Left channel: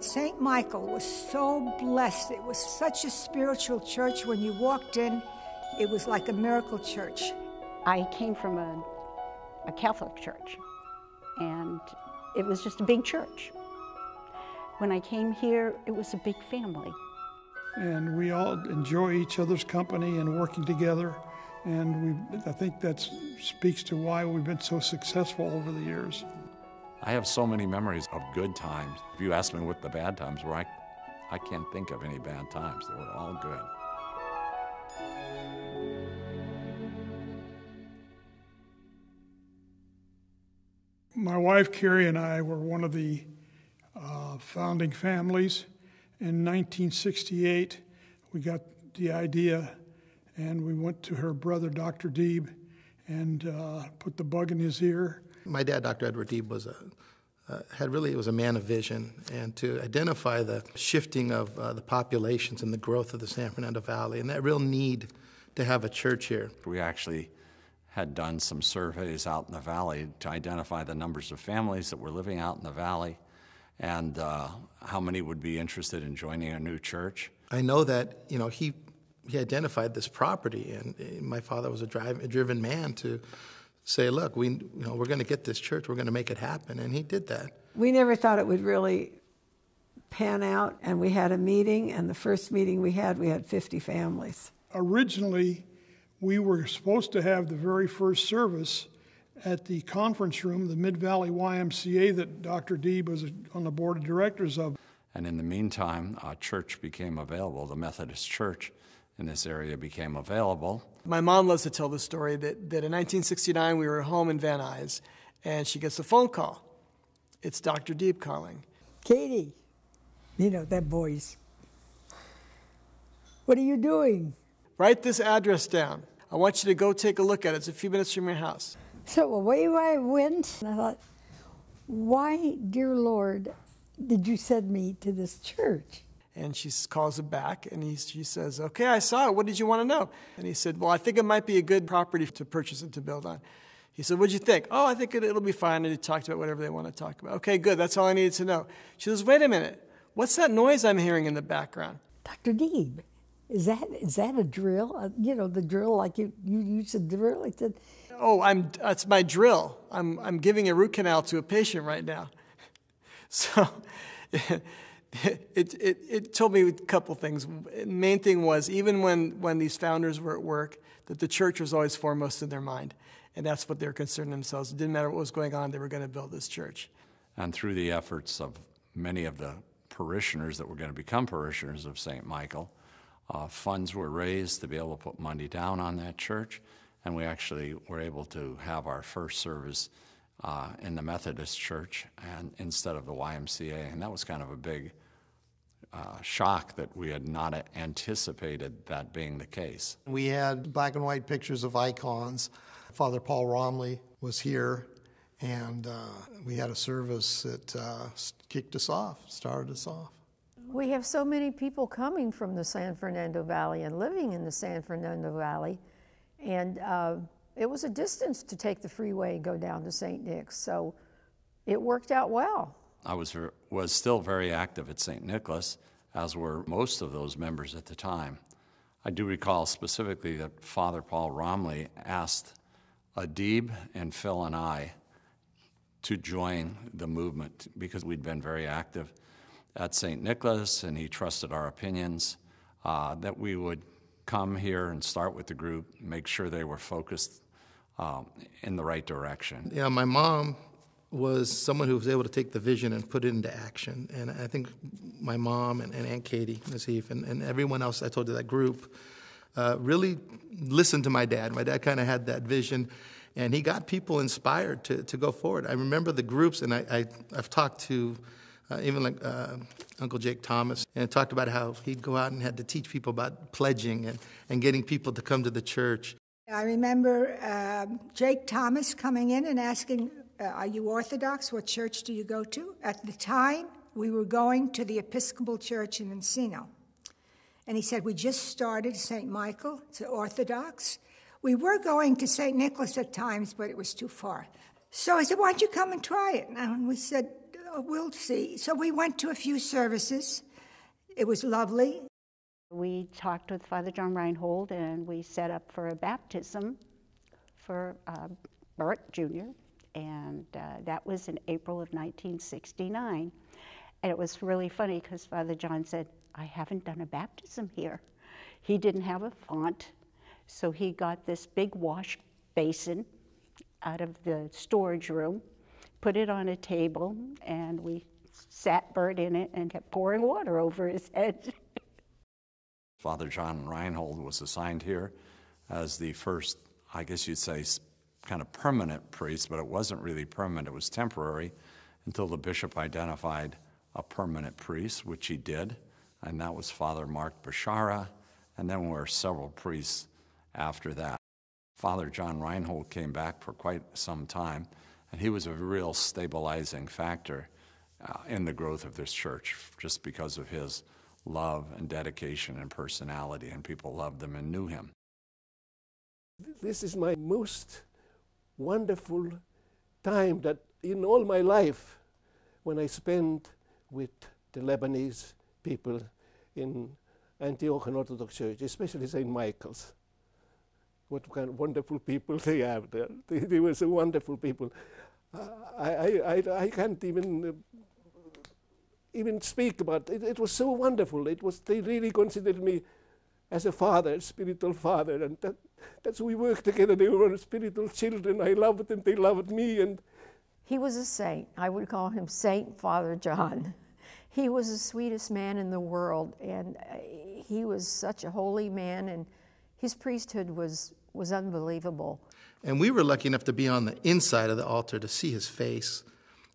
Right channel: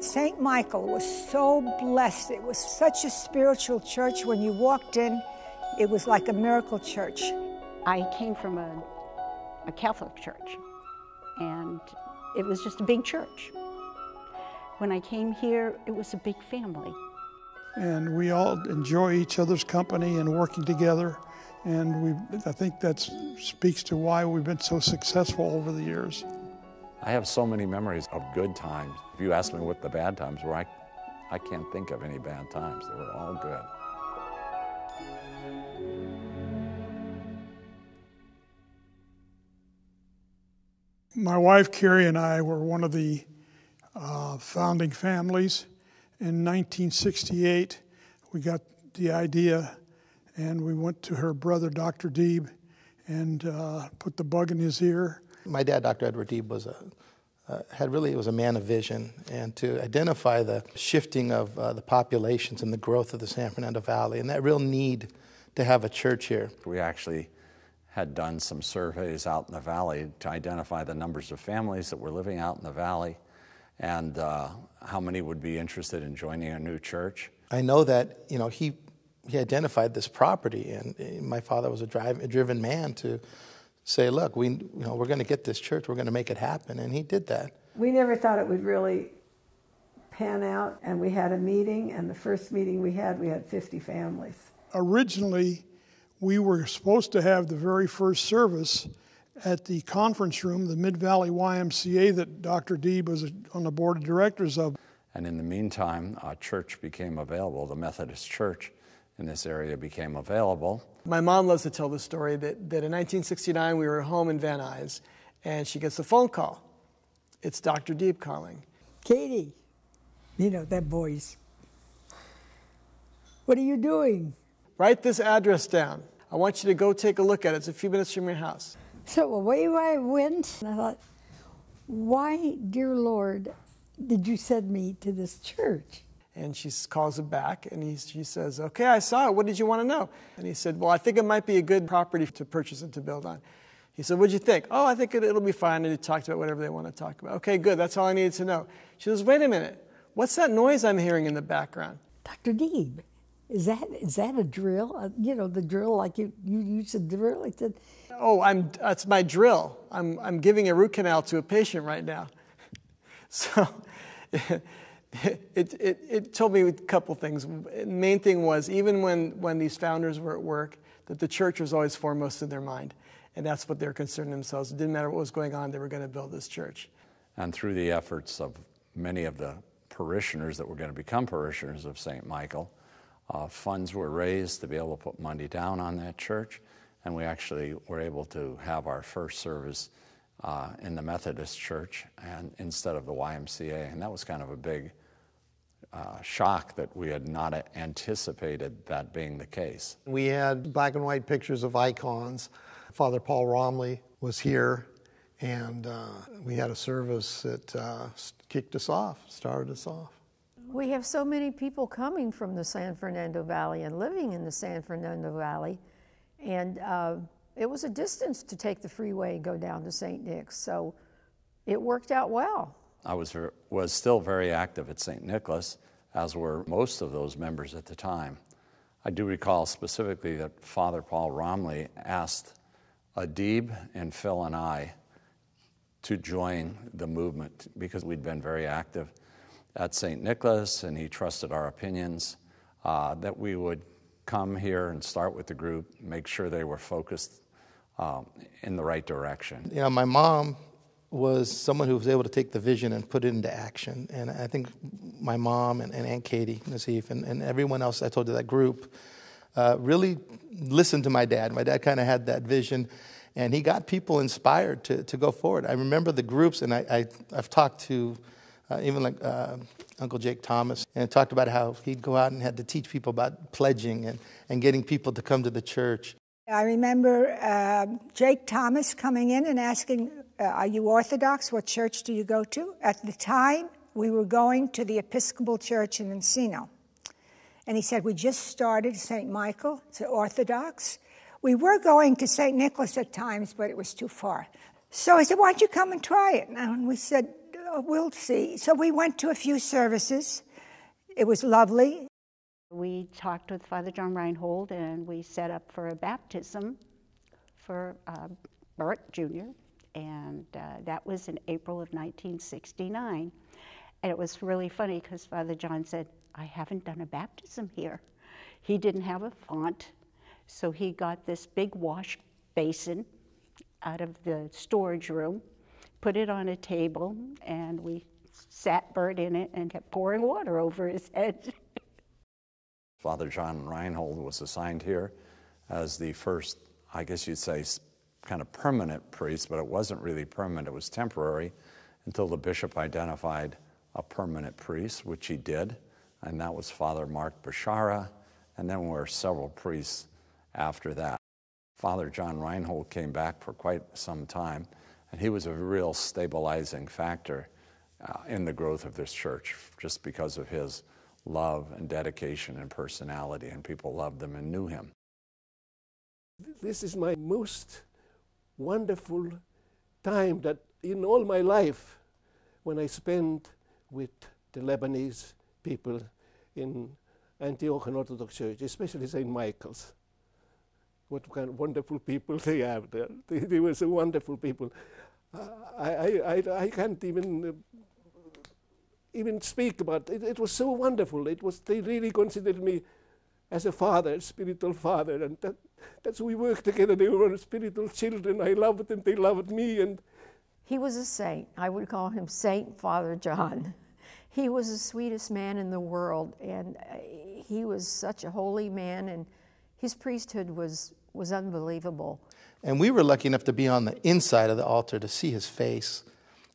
St. Michael was so blessed. It was such a spiritual church. When you walked in, it was like a miracle church. I came from a Catholic church, and it was just a big church. When I came here, it was a big family. And we all enjoy each other's company and working together. And I think that speaks to why we've been so successful over the years. I have so many memories of good times. If you ask me what the bad times were, I can't think of any bad times. They were all good. My wife, Carrie, and I were one of the founding families. In 1968, we got the idea, and we went to her brother, Dr. Deeb, and put the bug in his ear. My dad, Dr. Edward Deeb, was a man of vision, and to identify the shifting of the populations and the growth of the San Fernando Valley, and that real need to have a church here. We actually had done some surveys out in the valley to identify the numbers of families that were living out in the valley and how many would be interested in joining a new church. I know that, he identified this property, and my father was a driven man to say, look, we're going to get this church, we're going to make it happen, and he did that. We never thought it would really pan out, and we had a meeting, and the first meeting we had 50 families. Originally, we were supposed to have the very first service at the conference room, the Mid-Valley YMCA that Dr. Deeb was on the board of directors of. And in the meantime, a church became available. The Methodist Church in this area became available. My mom loves to tell the story that in 1969 we were home in Van Nuys, and she gets a phone call. It's Dr. Deeb calling. Katie, that voice. What are you doing? Write this address down. I want you to go take a look at it. It's a few minutes from your house. So away I went, and I thought, why, dear Lord, did you send me to this church? And she calls him back, and she says, okay, I saw it. What did you want to know? And he said, well, I think it might be a good property to purchase and to build on. He said, what'd you think? Oh, I think it'll be fine. And he talked about whatever they want to talk about. Okay, good. That's all I needed to know. She says, wait a minute. What's that noise I'm hearing in the background? Dr. Deeb, is that a drill? The drill like you used to drill? Like that? Oh, that's my drill. I'm giving a root canal to a patient right now. So it told me a couple things. The main thing was, even when these founders were at work, that the church was always foremost in their mind. And that's what they were concerned themselves. It didn't matter what was going on, they were going to build this church. And through the efforts of many of the parishioners that were going to become parishioners of St. Michael, funds were raised to be able to put money down on that church. And we actually were able to have our first service in the Methodist Church and instead of the YMCA. And that was kind of a big shock that we had not anticipated that being the case. We had black and white pictures of icons. Father Paul Romley was here, and we had a service that kicked us off, started us off. We have so many people coming from the San Fernando Valley and living in the San Fernando Valley, and it was a distance to take the freeway and go down to St. Nick's, so it worked out well. I was still very active at St. Nicholas, as were most of those members at the time. I do recall specifically that Father Paul Romley asked Deeb and Phil and I to join the movement because we'd been very active at St. Nicholas, and he trusted our opinions, that we would come here and start with the group, make sure they were focused in the right direction. My mom was someone who was able to take the vision and put it into action. And I think my mom and Aunt Katie, Nazif, and everyone else I told you, that group, really listened to my dad. My dad kind of had that vision, and he got people inspired to go forward. I remember the groups, and I've talked to even like Uncle Jake Thomas, and talked about how he'd go out and had to teach people about pledging and getting people to come to the church. I remember Jake Thomas coming in and asking, are you Orthodox? What church do you go to? At the time, we were going to the Episcopal Church in Encino. And he said, we just started St. Michael, it's Orthodox. We were going to St. Nicholas at times, but it was too far. So I said, why don't you come and try it? And we said, We'll see. So we went to a few services. It was lovely. We talked with Father John Reinhold, and we set up for a baptism for Bert Jr., and that was in April of 1969. And it was really funny because Father John said, I haven't done a baptism here. He didn't have a font, so he got this big wash basin out of the storage room, put it on a table, and we sat Bert in it and kept pouring water over his head. Father John Reinhold was assigned here as the first, I guess you'd say, kind of permanent priest, but it wasn't really permanent, it was temporary until the bishop identified a permanent priest, which he did, and that was Father Mark Bashara, and then there were several priests after that. Father John Reinhold came back for quite some time, and he was a real stabilizing factor in the growth of this church, just because of his love and dedication and personality, and people loved him and knew him. This is my most wonderful time that in all my life when I spent with the Lebanese people in Antiochian Orthodox Church, especially St. Michael's. What kind of wonderful people they have there. They were so wonderful people. I can't even speak about it. It was so wonderful. They really considered me as a father, spiritual father, and that's we worked together. They were spiritual children. I loved them. They loved me. And he was a saint. I would call him Saint Father John. He was the sweetest man in the world, and he was such a holy man, and his priesthood was unbelievable. And we were lucky enough to be on the inside of the altar to see his face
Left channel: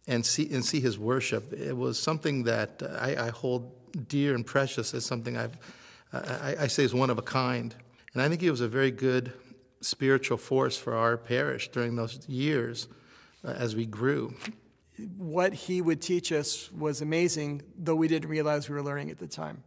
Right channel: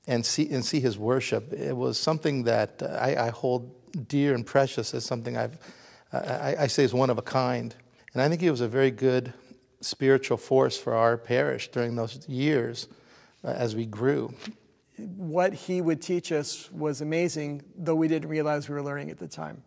and see his worship. It was something that I hold dear and precious as something I say is one of a kind. And I think he was a very good spiritual force for our parish during those years as we grew. What he would teach us was amazing, though we didn't realize we were learning at the time.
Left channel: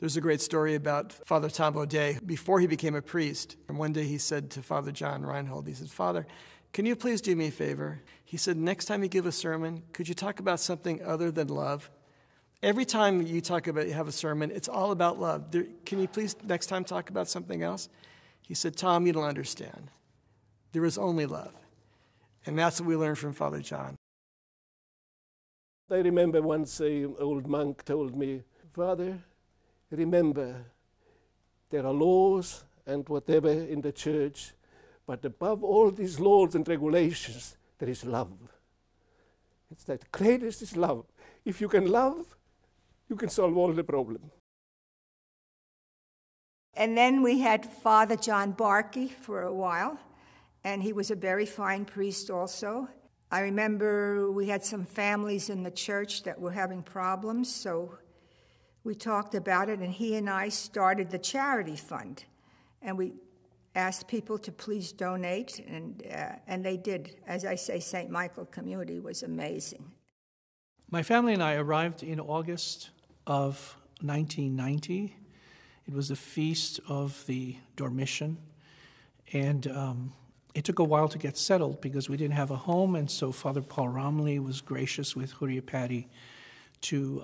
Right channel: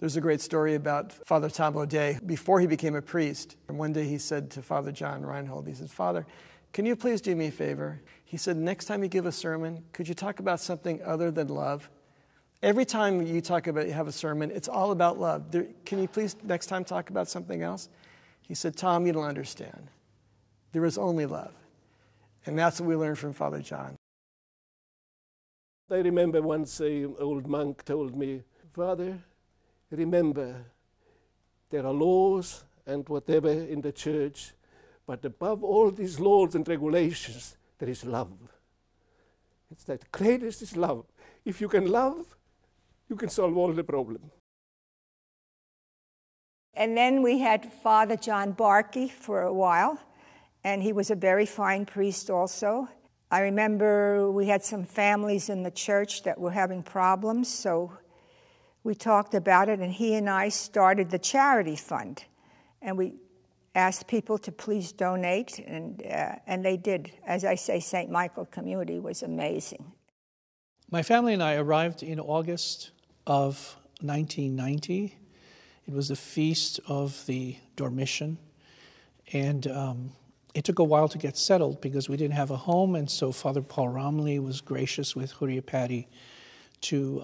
There's a great story about Father Tom O'Day before he became a priest. And one day he said to Father John Reinhold, he said, Father, can you please do me a favor? He said, next time you give a sermon, could you talk about something other than love? Every time you have a sermon, it's all about love. Can you please next time talk about something else? He said, Tom, you don't understand. There is only love. And that's what we learned from Father John. I remember once an old monk told me, Father, remember, there are laws and whatever in the church, but above all these laws and regulations, there is love. It's that greatest is love. If you can love, you can solve all the problems. And then we had Father John Barkey for a while, and he was a very fine priest also. I remember we had some families in the church that were having problems, so we talked about it, and he and I started the charity fund. And we asked people to please donate, and they did. As I say, St. Michael community was amazing. My family and I arrived in August of 1990. It was the feast of the Dormition, and it took a while to get settled because we didn't have a home, and so Father Paul Romley was gracious with Huriapati to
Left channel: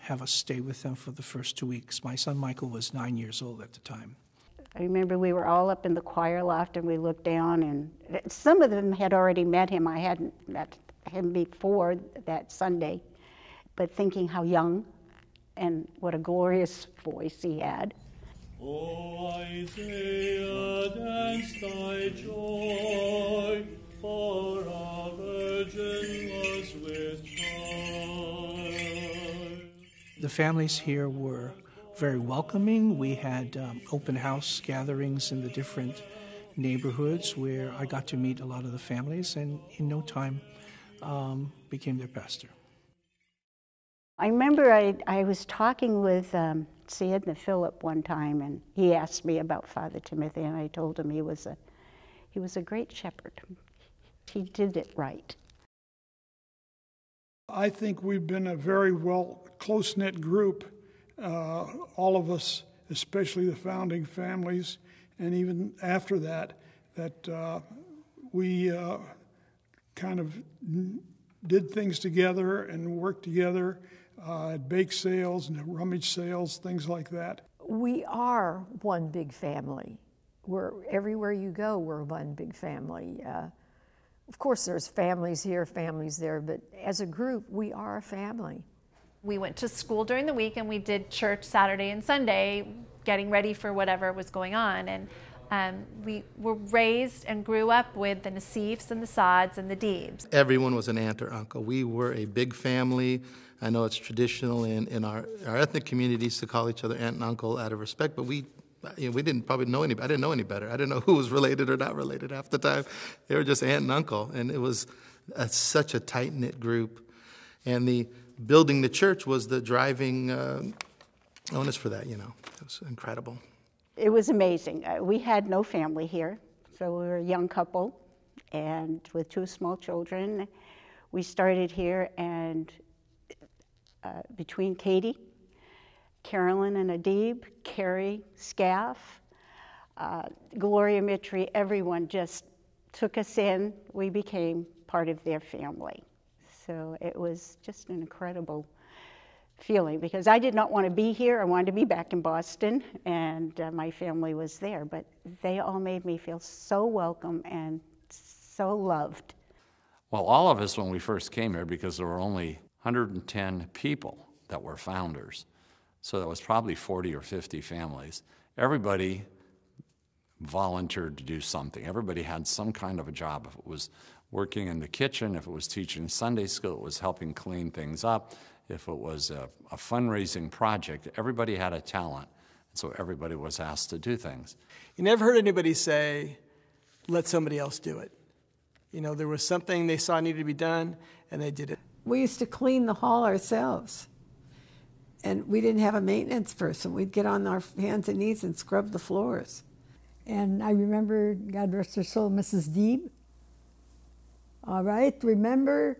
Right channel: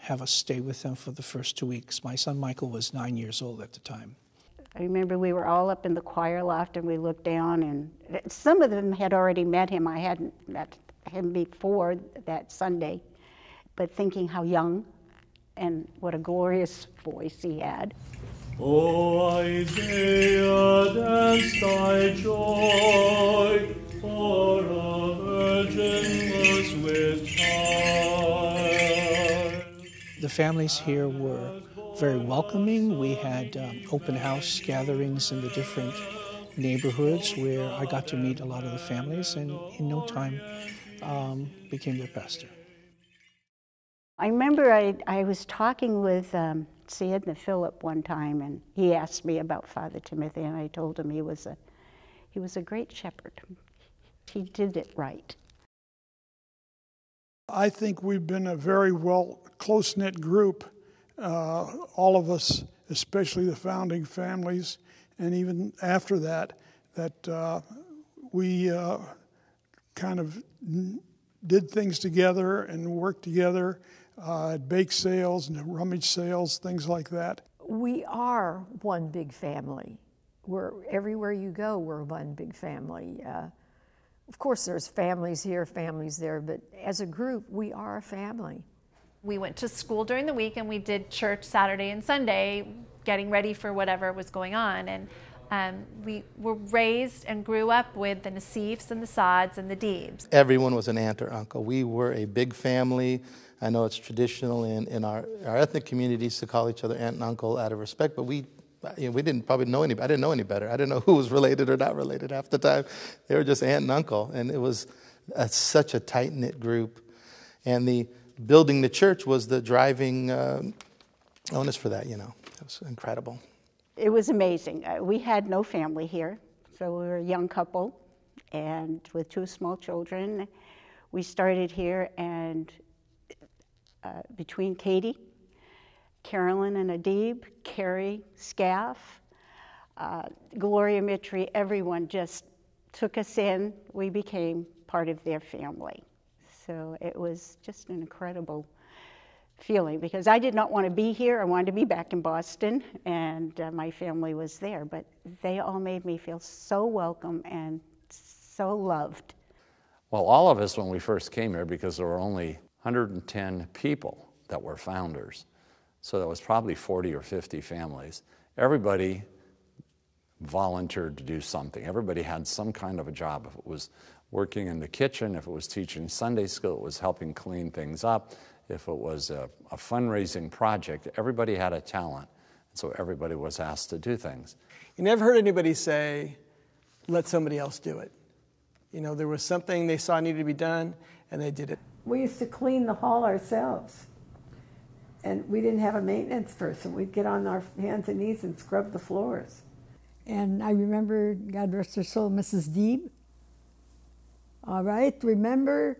have us stay with them for the first 2 weeks. My son Michael was 9 years old at the time. I remember we were all up in the choir loft and we looked down, and some of them had already met him. I hadn't met him before that Sunday, but thinking how young and what a glorious voice he had. O Isaiah, dance thy joy, for a virgin was with child. The families here were very welcoming. We had open house gatherings in the different neighborhoods where I got to meet a lot of the families, and in no time became their pastor. I remember I was talking with Sayedna Philip one time, and he asked me about Father Timothy, and I told him he was a great shepherd. He did it right. I think we've been a very close-knit group, all of us, especially the founding families, and even after that we kind of did things together and worked together at bake sales and rummage sales, things like that. We are one big family. Everywhere you go, we're one big family. Of course, there's families here, families there, but as a group, we are a family. We went to school during the week and we did church Saturday and Sunday, getting ready for whatever was going on. And we were raised and grew up with the Nassifs and the Sads and the Deebs. Everyone was an aunt or uncle. We were a big family. I know it's traditional in our ethnic communities to call each other aunt and uncle out of respect, but we didn't probably know any. I didn't know any better. I didn't know who was related or not related half the time. They were just aunt and uncle, and it was such a tight-knit group. And the building the church was the driving onus for that. It was incredible. It was amazing. We had no family here, so we were a young couple, and with 2 small children, we started here, and between Katie, Carolyn and Adib, Carrie, Scaff, Gloria Mitri, everyone just took us in. We became part of their family. So it was just an incredible feeling, because I did not want to be here. I wanted to be back in Boston, and my family was there. But they all made me feel so welcome and so loved. Well, all of us, when we first came here, because there were only 110 people that were founders, so that was probably 40 or 50 families. Everybody volunteered to do something. Everybody had some kind of a job. If it was working in the kitchen, if it was teaching Sunday school, it was helping clean things up. If it was a fundraising project, everybody had a talent. So everybody was asked to do things. You never heard anybody say, let somebody else do it. There was something they saw needed to be done, and they did it. We used to clean the hall ourselves. And we didn't have a maintenance person. We'd get on our hands and knees and scrub the floors. And I remember, God rest her soul, Mrs. Deeb. All right, remember,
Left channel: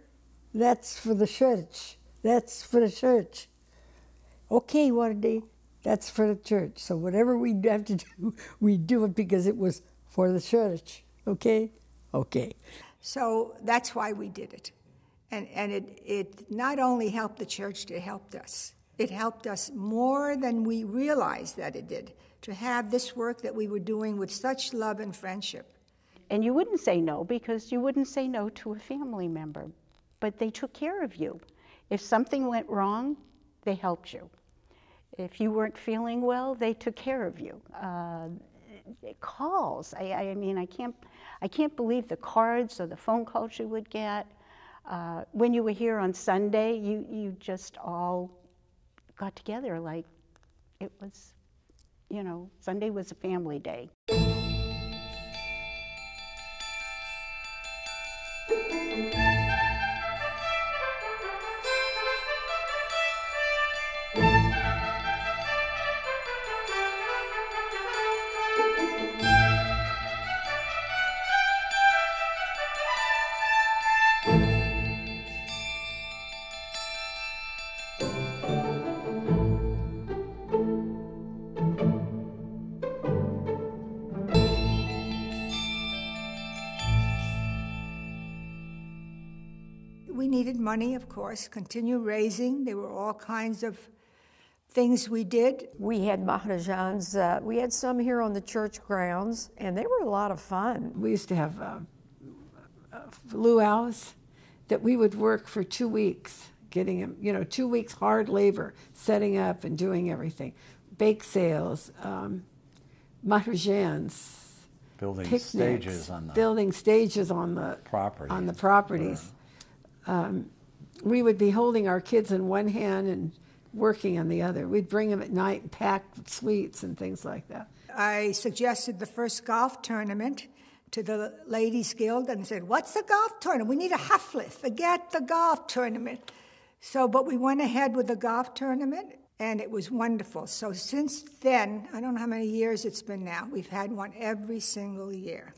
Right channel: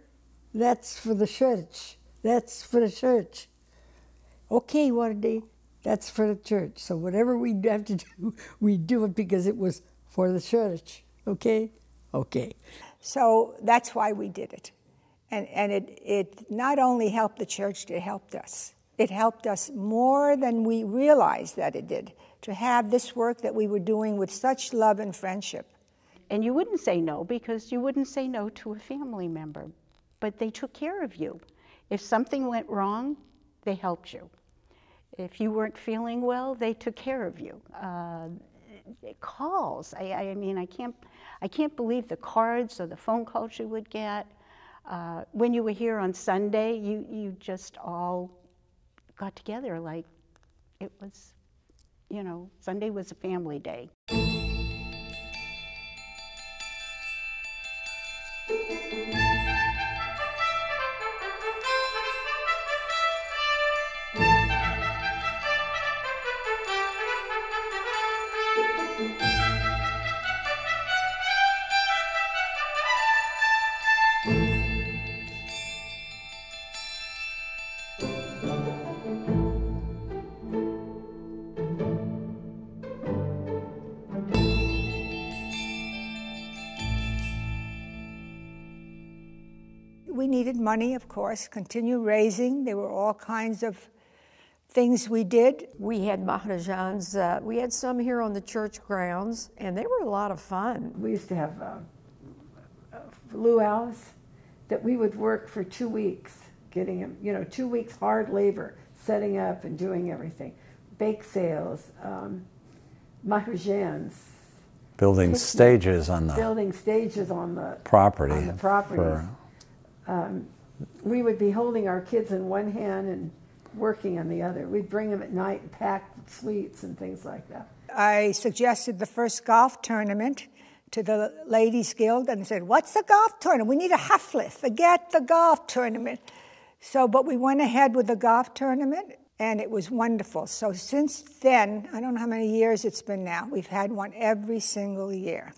that's for the church. That's for the church. Okay, Wardy, that's for the church. So whatever we have to do, we do it because it was for the church. Okay? Okay. So that's why we did it. And it not only helped the church, it helped us. It helped us more than we realized that it did, to have this work that we were doing with such love and friendship. And you wouldn't say no, because you wouldn't say no to a family member, but they took care of you. If something went wrong, they helped you. If you weren't feeling well, they took care of you. Calls, I mean, I can't believe the cards or the phone calls you would get. When you were here on Sunday, you just all got together like it was, Sunday was a family day. We needed money, of course, continue raising. There were all kinds of things we did. We had Maharajans. We had some here on the church grounds, and they were a lot of fun. We used to have luau's that we would work for 2 weeks, getting them, 2 weeks hard labor, setting up and doing everything. Bake sales, Maharajans. Building picnics, stages on the property. property. On the properties. We would be holding our kids in one hand and working on the other. We'd bring them at night and pack sweets and things like that. I suggested the first golf tournament to the Ladies Guild and said, what's the golf tournament? We need a hafle. Forget the golf tournament. But we went ahead with the golf tournament, and it was wonderful. So since then, I don't know how many years it's been now, we've had one every single year.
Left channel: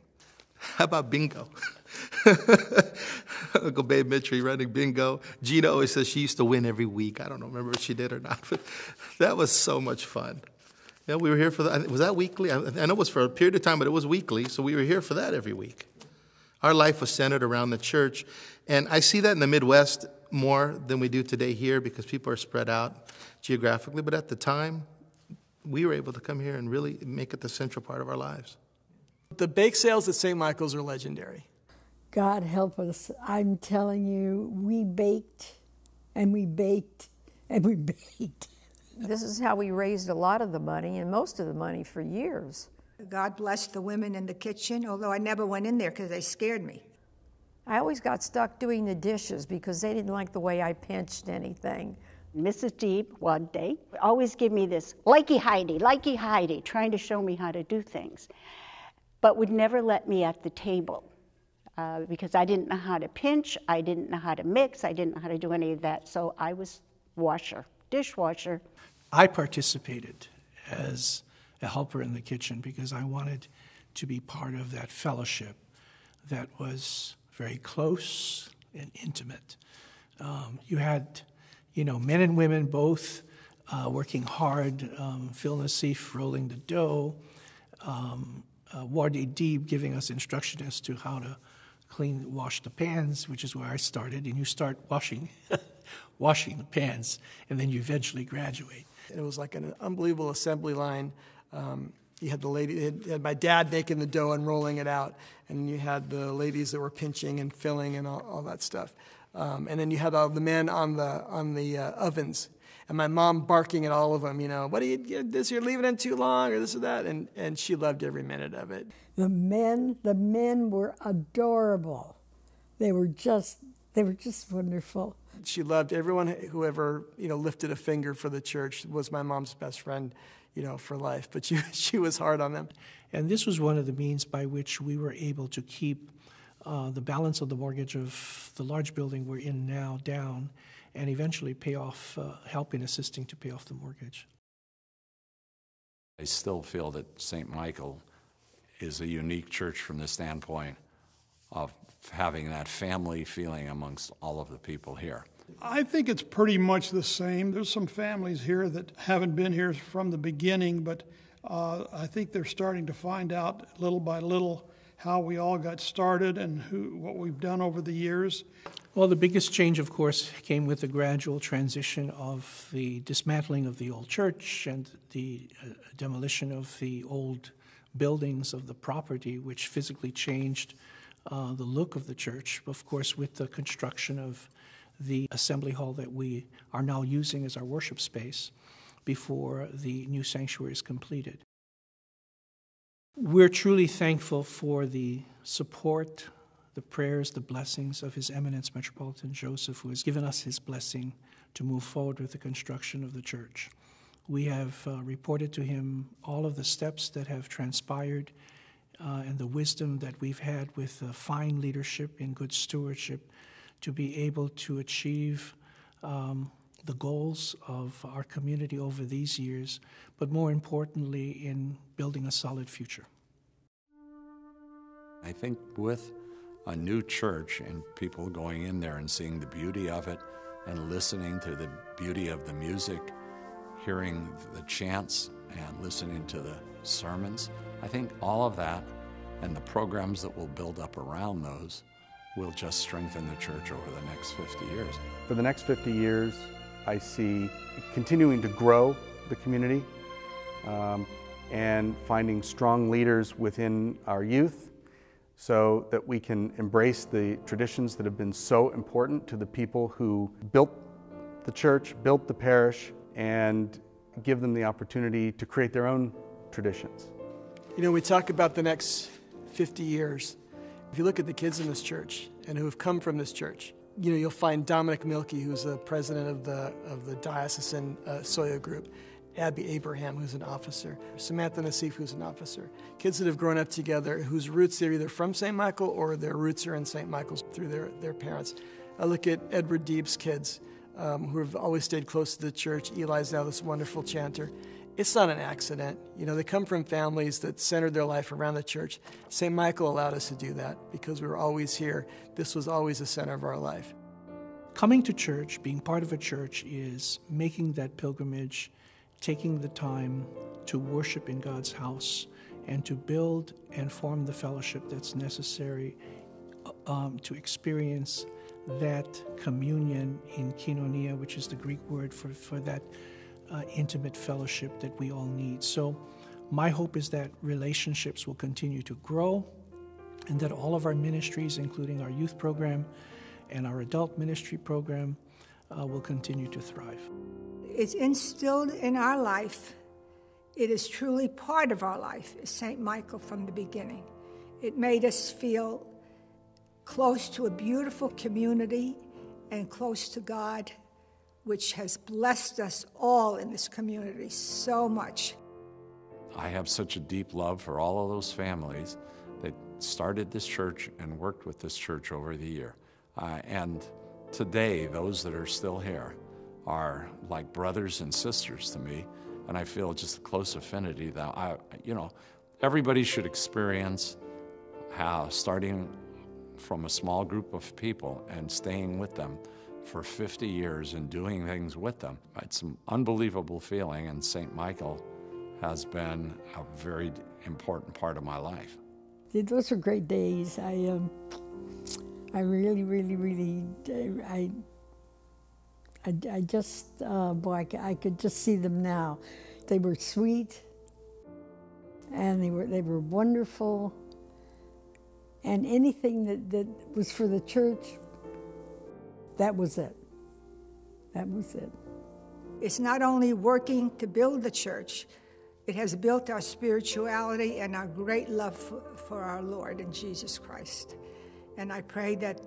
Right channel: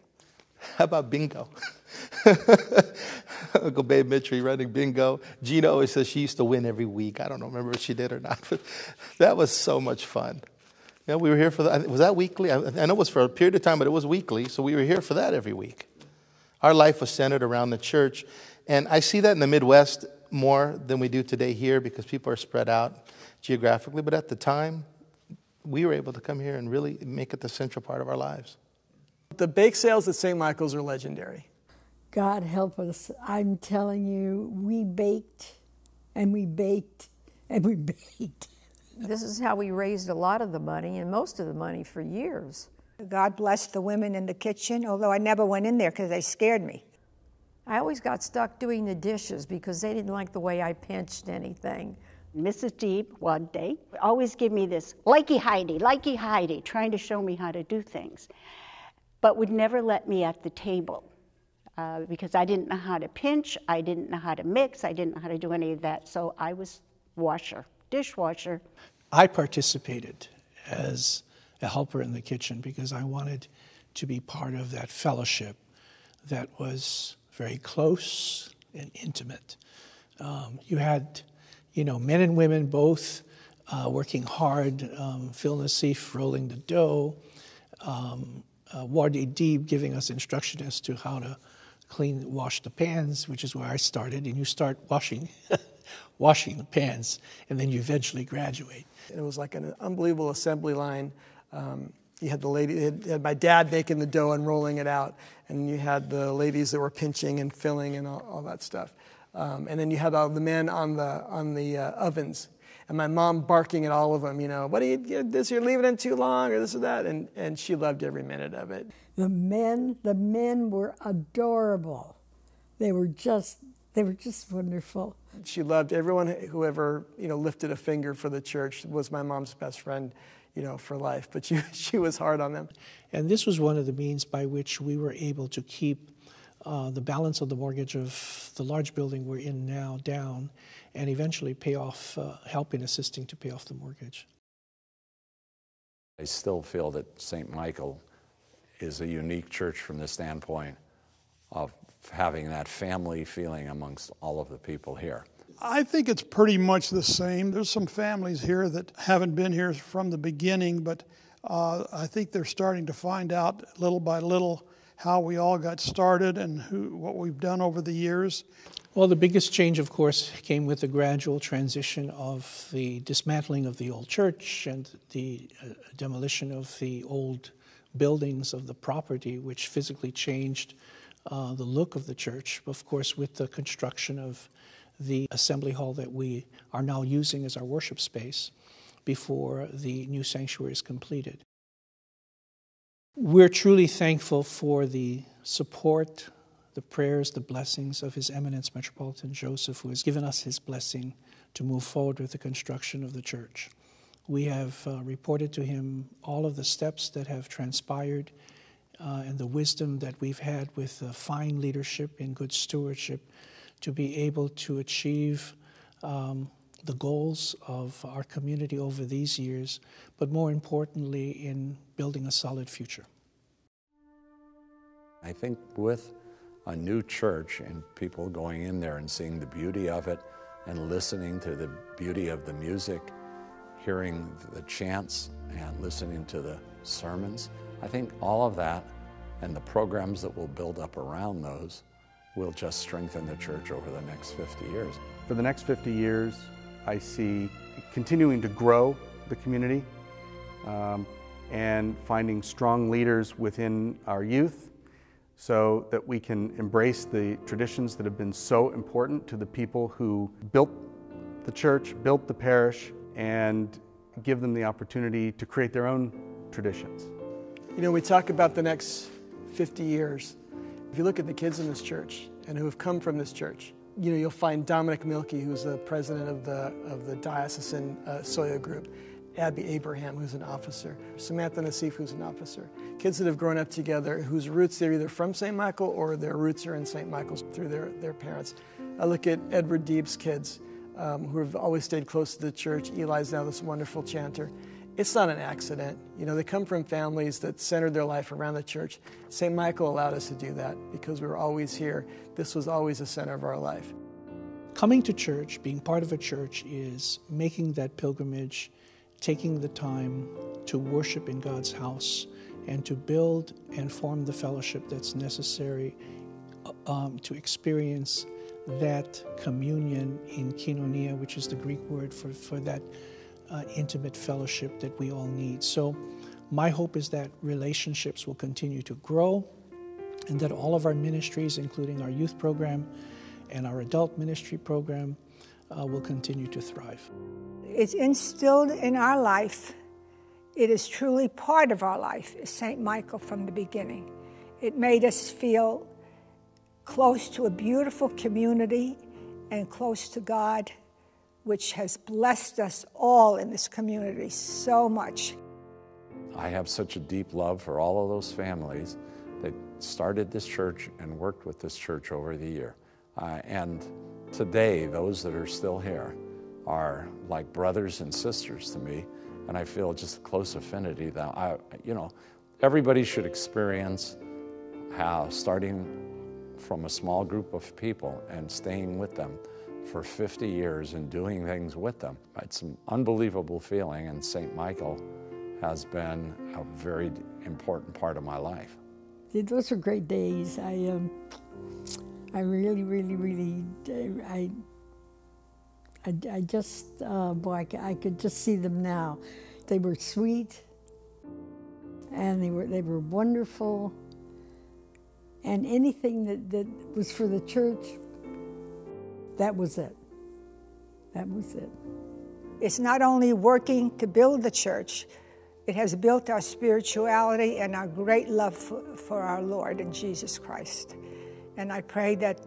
How about bingo? Uncle Babe Mitri running bingo. Gina always says she used to win every week. I don't remember if she did or not, but that was so much fun. Yeah, we were here for that. Was that weekly? I know it was for a period of time, but it was weekly, so we were here for that every week. Our life was centered around the church, And I see that in the Midwest more than we do today here because people are spread out geographically. But at the time, we were able to come here and really make it the central part of our lives. The bake sales at St. Michael's are legendary. God help us. I'm telling you, we baked and we baked and we baked. This is how we raised a lot of the money and most of the money for years. God bless the women in the kitchen, although I never went in there because they scared me. I always got stuck doing the dishes because they didn't like the way I pinched anything. Mrs. Deeb, one day, always give me this, likey Heidi, trying to show me how to do things, but would never let me at the table because I didn't know how to pinch, I didn't know how to mix, I didn't know how to do any of that, so I was dishwasher. I participated as a helper in the kitchen because I wanted to be part of that fellowship that was very close and intimate. You had, men and women both working hard, Phil Nassif rolling the dough, Wardy Deeb giving us instruction as to how to wash the pans, which is where I started, and you start washing the pans, and then you eventually graduate. It was like an unbelievable assembly line. You had had my dad making the dough and rolling it out, and you had the ladies that were pinching and filling and all that stuff. And then you had all the men on the ovens, and my mom barking at all of them, what do you do this? You're leaving it too long, or this or that, and she loved every minute of it. The men were adorable. They were just wonderful. She loved everyone who ever lifted a finger for the church. Was my mom's best friend, for life. But she was hard on them. And this was one of the means by which we were able to keep the balance of the mortgage of the large building we're in now down, and eventually pay off, help in assisting to pay off the mortgage. I still feel that St. Michael is a unique church from the standpoint of having that family feeling amongst all of the people here. I think it's pretty much the same. There's some families here that haven't been here from the beginning, but I think they're starting to find out little by little how we all got started and what we've done over the years. Well, the biggest change, of course, came with the gradual transition of the dismantling of the old church and the demolition of the old buildings of the property, which physically changed the look of the church, of course, with the construction of the assembly hall that we are now using as our worship space before the new sanctuary is completed. We're truly thankful for the support, the prayers, the blessings of His Eminence Metropolitan Joseph, who has given us his blessing to move forward with the construction of the church. We have reported to him all of the steps that have transpired and the wisdom that we've had with fine leadership and good stewardship to be able to achieve the goals of our community over these years, but more importantly, in building a solid future. I think with a new church and people going in there and seeing the beauty of it and listening to the beauty of the music, hearing the chants and listening to the sermons, I think all of that and the programs that will build up around those will just strengthen the church over the next 50 years. For the next 50 years, I see continuing to grow the community and finding strong leaders within our youth so that we can embrace the traditions that have been so important to the people who built the church, built the parish, and give them the opportunity to create their own traditions. We talk about the next 50 years. If you look at the kids in this church and who have come from this church, you'll find Dominic Milkey, who's the president of the diocesan Soya group, Abby Abraham, who's an officer, Samantha Nassif, who's an officer. Kids that have grown up together, whose roots are either from St. Michael or their roots are in St. Michael's through their parents. I look at Edward Deeb's kids, who have always stayed close to the church. Eli's now this wonderful chanter. It's not an accident. They come from families that centered their life around the church. St. Michael allowed us to do that because we were always here. This was always the center of our life. Coming to church, being part of a church, is making that pilgrimage, taking the time to worship in God's house and to build and form the fellowship that's necessary to experience that communion in koinonia, which is the Greek word for that intimate fellowship that we all need. So my hope is that relationships will continue to grow, and that all of our ministries, including our youth program and our adult ministry program, will continue to thrive. It's instilled in our life. It is truly part of our life, St. Michael, from the beginning. It made us feel close to a beautiful community and close to God, which has blessed us all in this community so much. I have such a deep love for all of those families that started this church and worked with this church over the year. And today, those that are still here are like brothers and sisters to me, and I feel just a close affinity that everybody should experience how starting from a small group of people and staying with them for 50 years and doing things with them. It's an unbelievable feeling, and St. Michael has been a very important part of my life. Those were great days. I really, I just, boy, I could just see them now. They were sweet, and they were wonderful, and anything that was for the church, that was it. That was it. It's not only working to build the church, it has built our spirituality and our great love for our Lord and Jesus Christ. And I pray that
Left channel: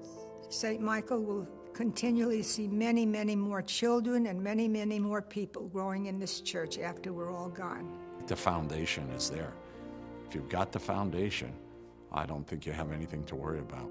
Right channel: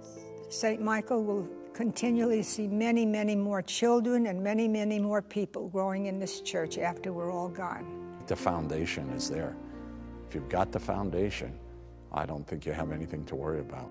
St. Michael will continually see many, many more children and many, many more people growing in this church after we're all gone. The foundation is there. If you've got the foundation, I don't think you have anything to worry about.